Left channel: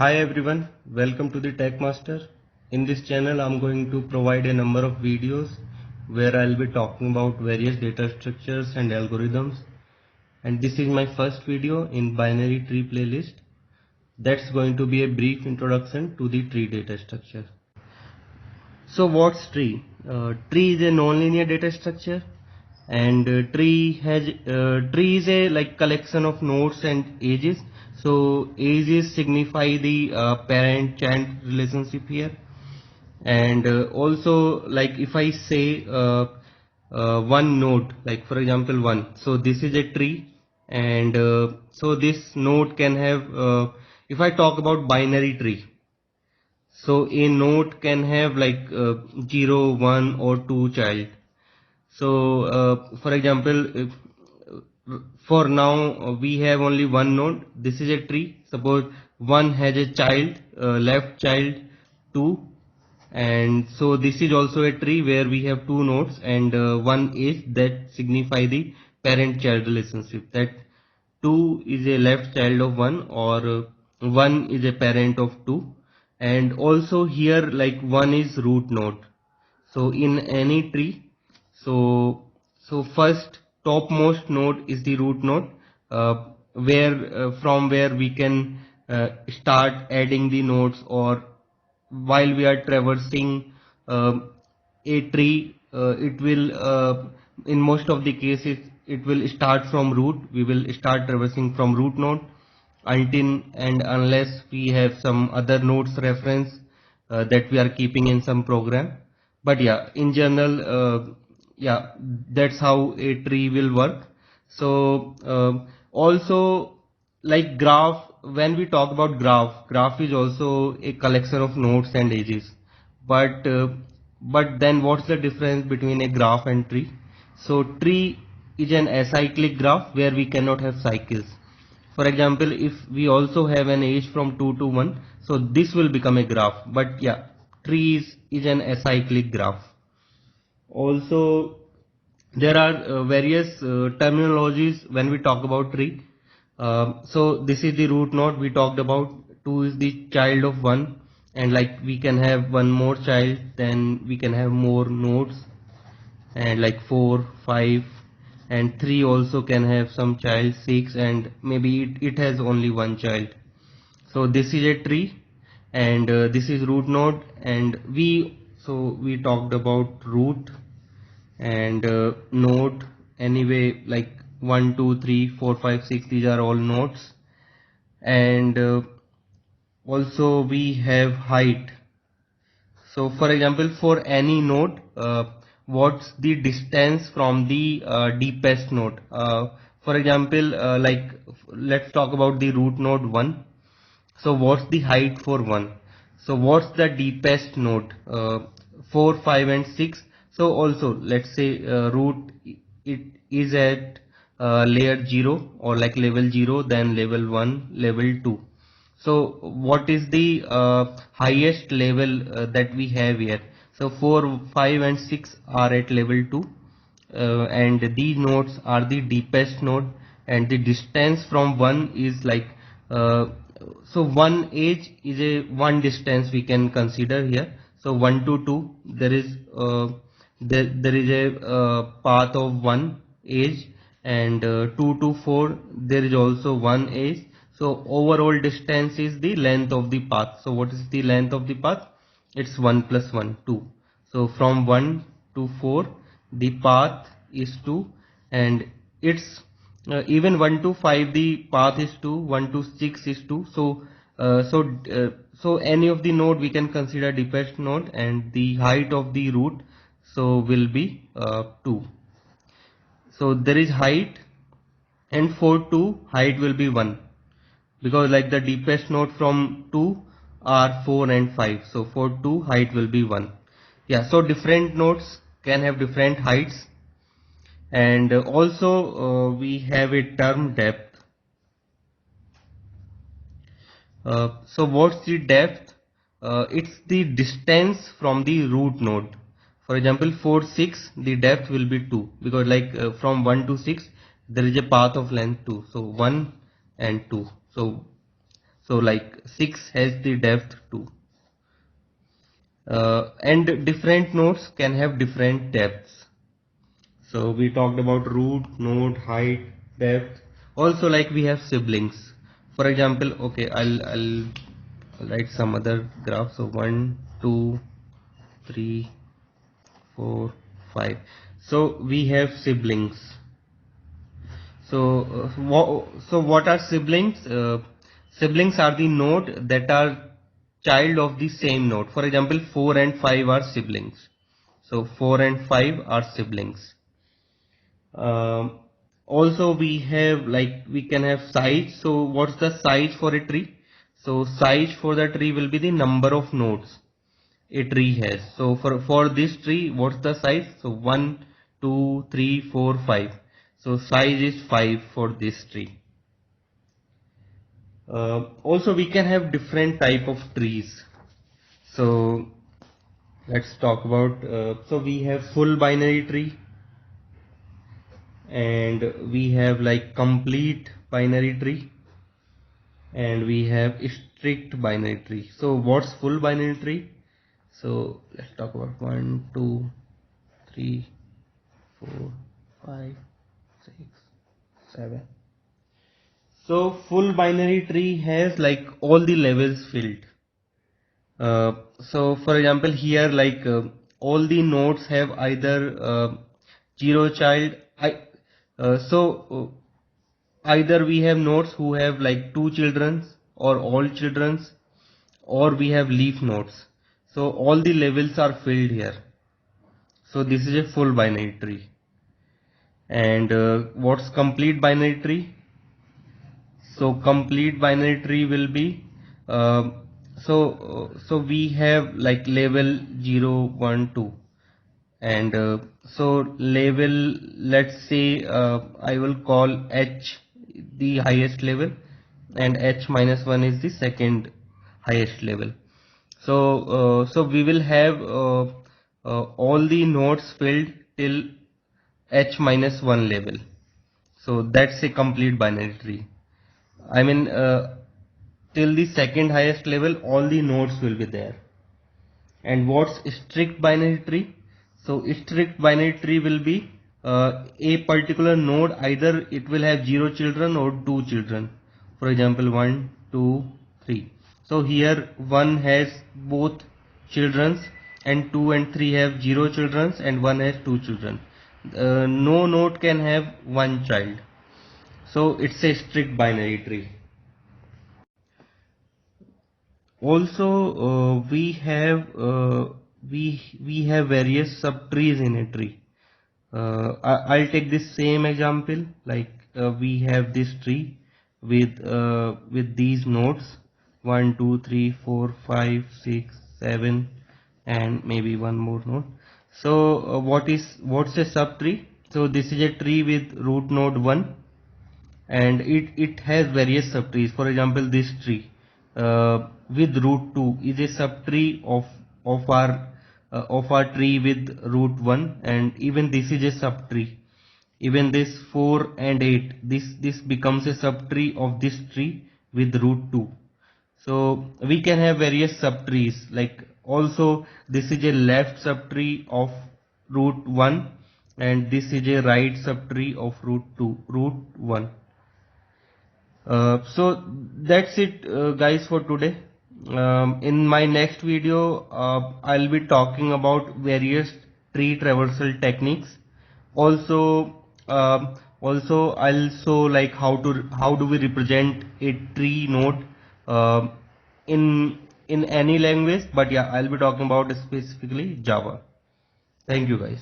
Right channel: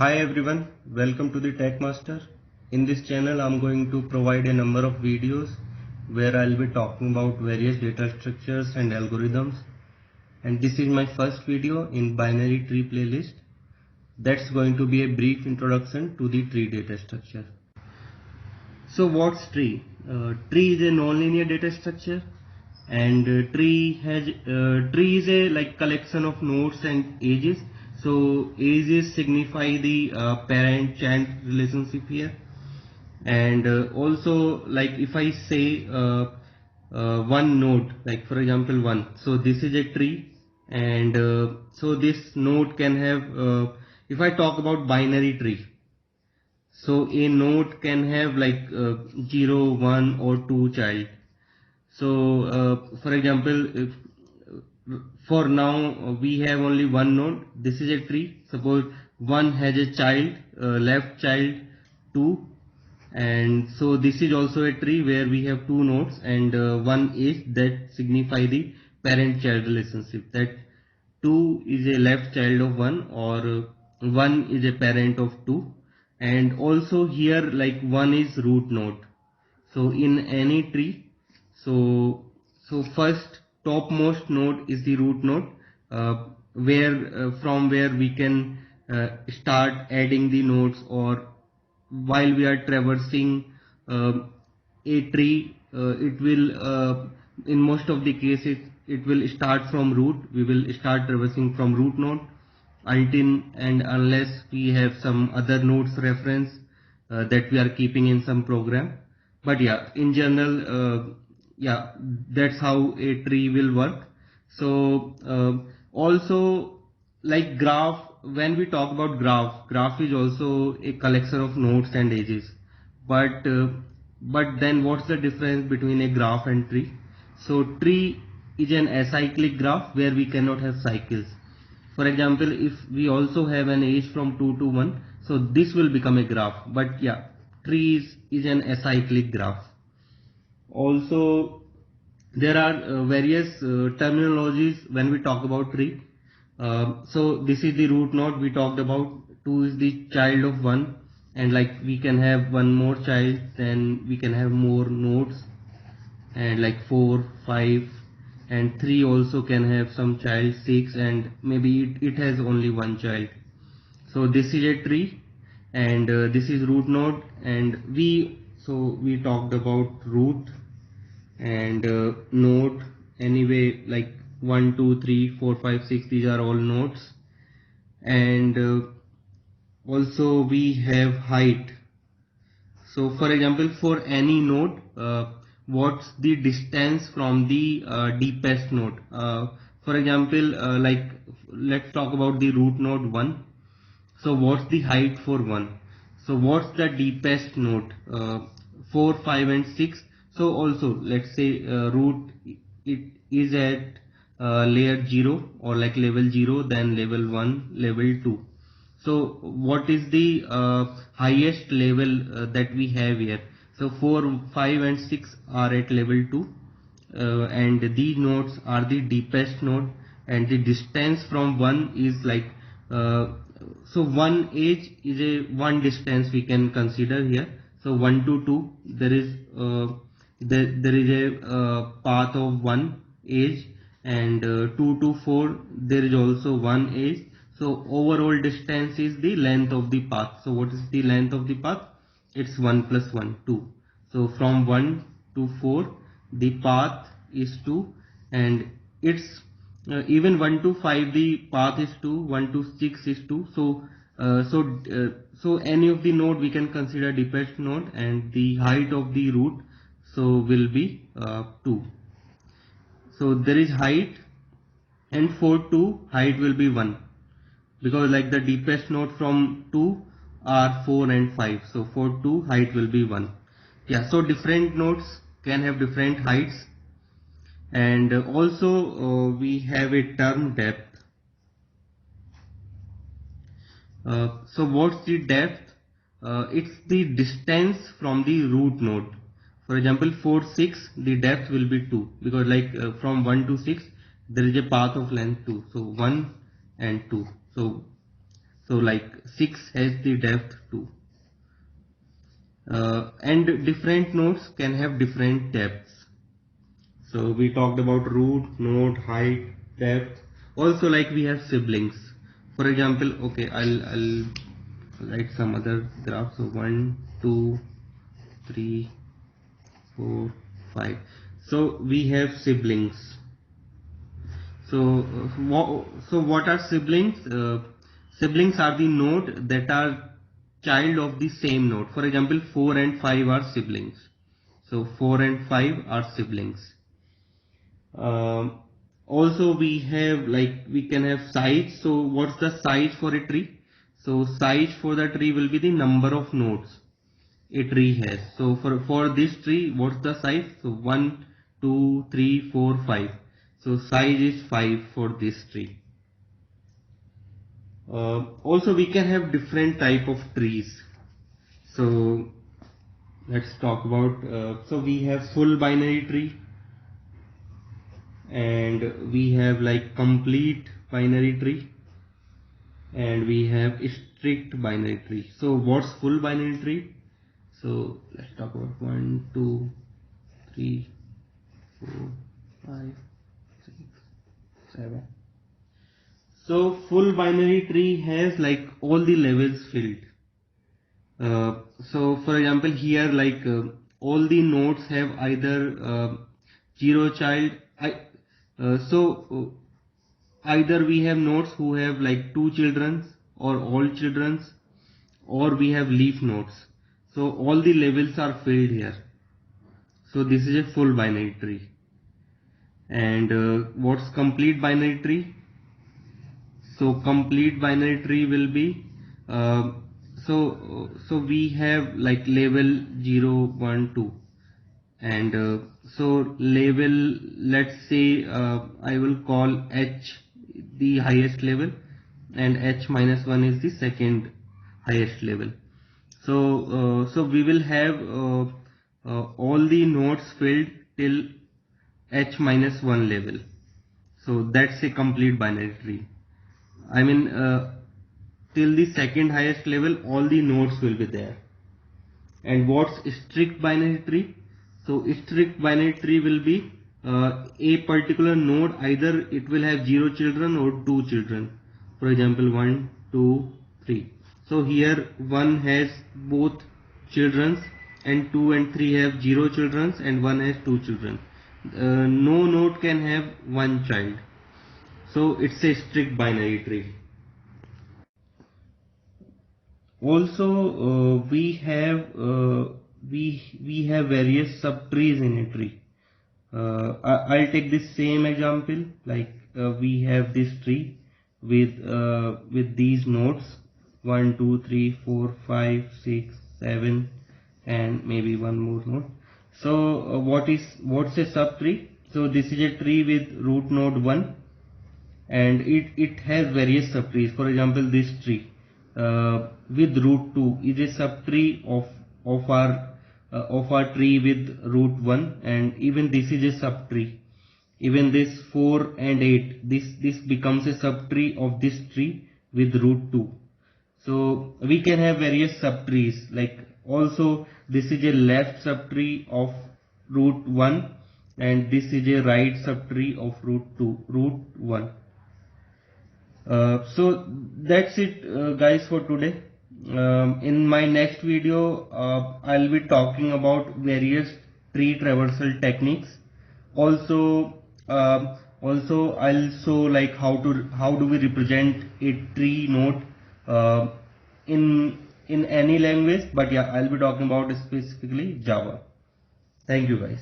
Hi everyone, welcome to the Tech Master. In this channel I'm going to provide a number of videos where I'll be talking about various data structures and algorithms, and this is my first video in binary tree playlist. That's going to be a brief introduction to the tree data structure. So what's tree? Tree is a nonlinear data structure, and tree is a collection of nodes and edges. So edges signify the parent-child relationship here, and also like if I say one node, like for example one, so this is a tree, and so this node can have if I talk about binary tree, so a node can have 0, 1 or 2 child. So for example, if for now we have only one node, this is a tree. Suppose one has a child, left child 2, and so this is also a tree where we have two nodes and one edge that signify the parent child relationship, that 2 is a left child of 1 or 1 is a parent of 2, and also here like 1 is root node. So in any tree, so first topmost node is the root node, where from where we can start adding the nodes, or while we are traversing a tree, it will in most of the cases it will start from root. We will start traversing from root node until and unless we have some other nodes reference that we are keeping in some program. But yeah, in general, yeah, that's how a tree will work. So also like graph, when we talk about graph is also a collection of nodes and edges. But then what's the difference between a graph and tree? So tree is an acyclic graph where we cannot have cycles. For example, if we also have an edge from 2 to 1, so this will become a graph. But yeah, tree is an acyclic graph. Also, there are various terminologies when we talk about tree. So this is the root node we talked about. 2 is the child of 1, and like we can have one more child, then we can have more nodes, and like 4, 5, and 3 also can have some child, 6, and maybe it has only one child. So this is a tree, and this is root node, and we talked about root and node. Anyway, like 1, 2, 3, 4, 5, 6, these are all nodes, and also we have height. So for example, for any node, what's the distance from the deepest node? For example, like let's talk about the root node 1. So what's the height for 1? So what's the deepest node? 4, 5 and 6. So also let's say root, it is at layer 0 or like level 0, then level 1, level 2. So what is the highest level that we have here? So 4, 5 and 6 are at level 2, and these nodes are the deepest node, and the distance from 1 is like so one edge is a one distance we can consider here. So 1 to 2 there is there is a path of one edge, and 2 to 4 there is also one edge. So overall distance is the length of the path. So what is the length of the path? It's 1 plus 1, 2. So from 1 to 4 the path is 2, and it's even 1 to 5 the path is 2, 1 to 6 is 2. So so any of the node we can consider deepest node, and the height of the root so will be 2. So there is height, and for 2 height will be 1, because like the deepest node from 2 are 4 and 5. So for 2 height will be 1. Yeah, so different nodes can have different heights, and also we have a term depth. So what's the depth? It's the distance from the root node. For example, for 6 the depth will be 2, because like from 1 to 6 there is a path of length 2. So 1 and 2. So So like 6 has the depth 2. And different nodes can have different depths. So we talked about root, node, height, depth. Also like we have siblings. For example, okay, I'll write some other graph. So 1, 2, 3, 4, 5. So we have siblings. So what are siblings? Siblings are the node that are child of the same node. For example, 4 and 5 are siblings. So 4 and 5 are siblings. Also we have like we can have size. So what's the size for a tree? So size for the tree will be the number of nodes a tree has. So for this tree, what's the size? So 1, 2, 3, 4, 5. So size is 5 for this tree. Also we can have different type of trees. So let's talk about so we have full binary tree, and we have like complete binary tree, and we have strict binary tree. So what's full binary tree? So let's talk about 1, 2, 3, 4, 5, 6, 7. So full binary tree has like all the levels filled. So for example here like all the nodes have either 0 child. Either we have nodes who have like 2 children or all children, or we have leaf nodes. So all the levels are filled here. So this is a full binary tree. And what's complete binary tree? So complete binary tree will be so we have like level 0, 1, 2, and so level, let's say I will call H the highest level, and H minus 1 is the second highest level. So we will have all the nodes filled till H minus 1 level. So that's a complete binary tree. I mean till the second highest level all the nodes will be there. And what's strict binary tree? So strict binary tree will be a particular node, either it will have 0 children or 2 children. For example 1, 2, 3. So here 1 has both children, and 2 and 3 have 0 children, and 1 has 2 children. No node can have 1 child. So it's a strict binary tree. Also we have various subtrees in a tree. I'll take this same example, like we have this tree with these nodes 1, 2, 3, 4, 5, 6, 7, and maybe one more node. So what's a subtree? So this is a tree with root node 1, and it has various subtrees. For example, this tree with root 2 is a subtree of our tree with root 1, and even this is a subtree. Even this 4 and 8, this becomes a subtree of this tree with root 2. So we can have various subtrees. Like also this is a left subtree of root 1, and this is a right subtree of root 1. So that's it guys for today. In my next video I'll be talking about various tree traversal techniques. Also I'll show like how do we represent a tree node in any language, but yeah, I'll be talking about specifically Java. Thank you guys.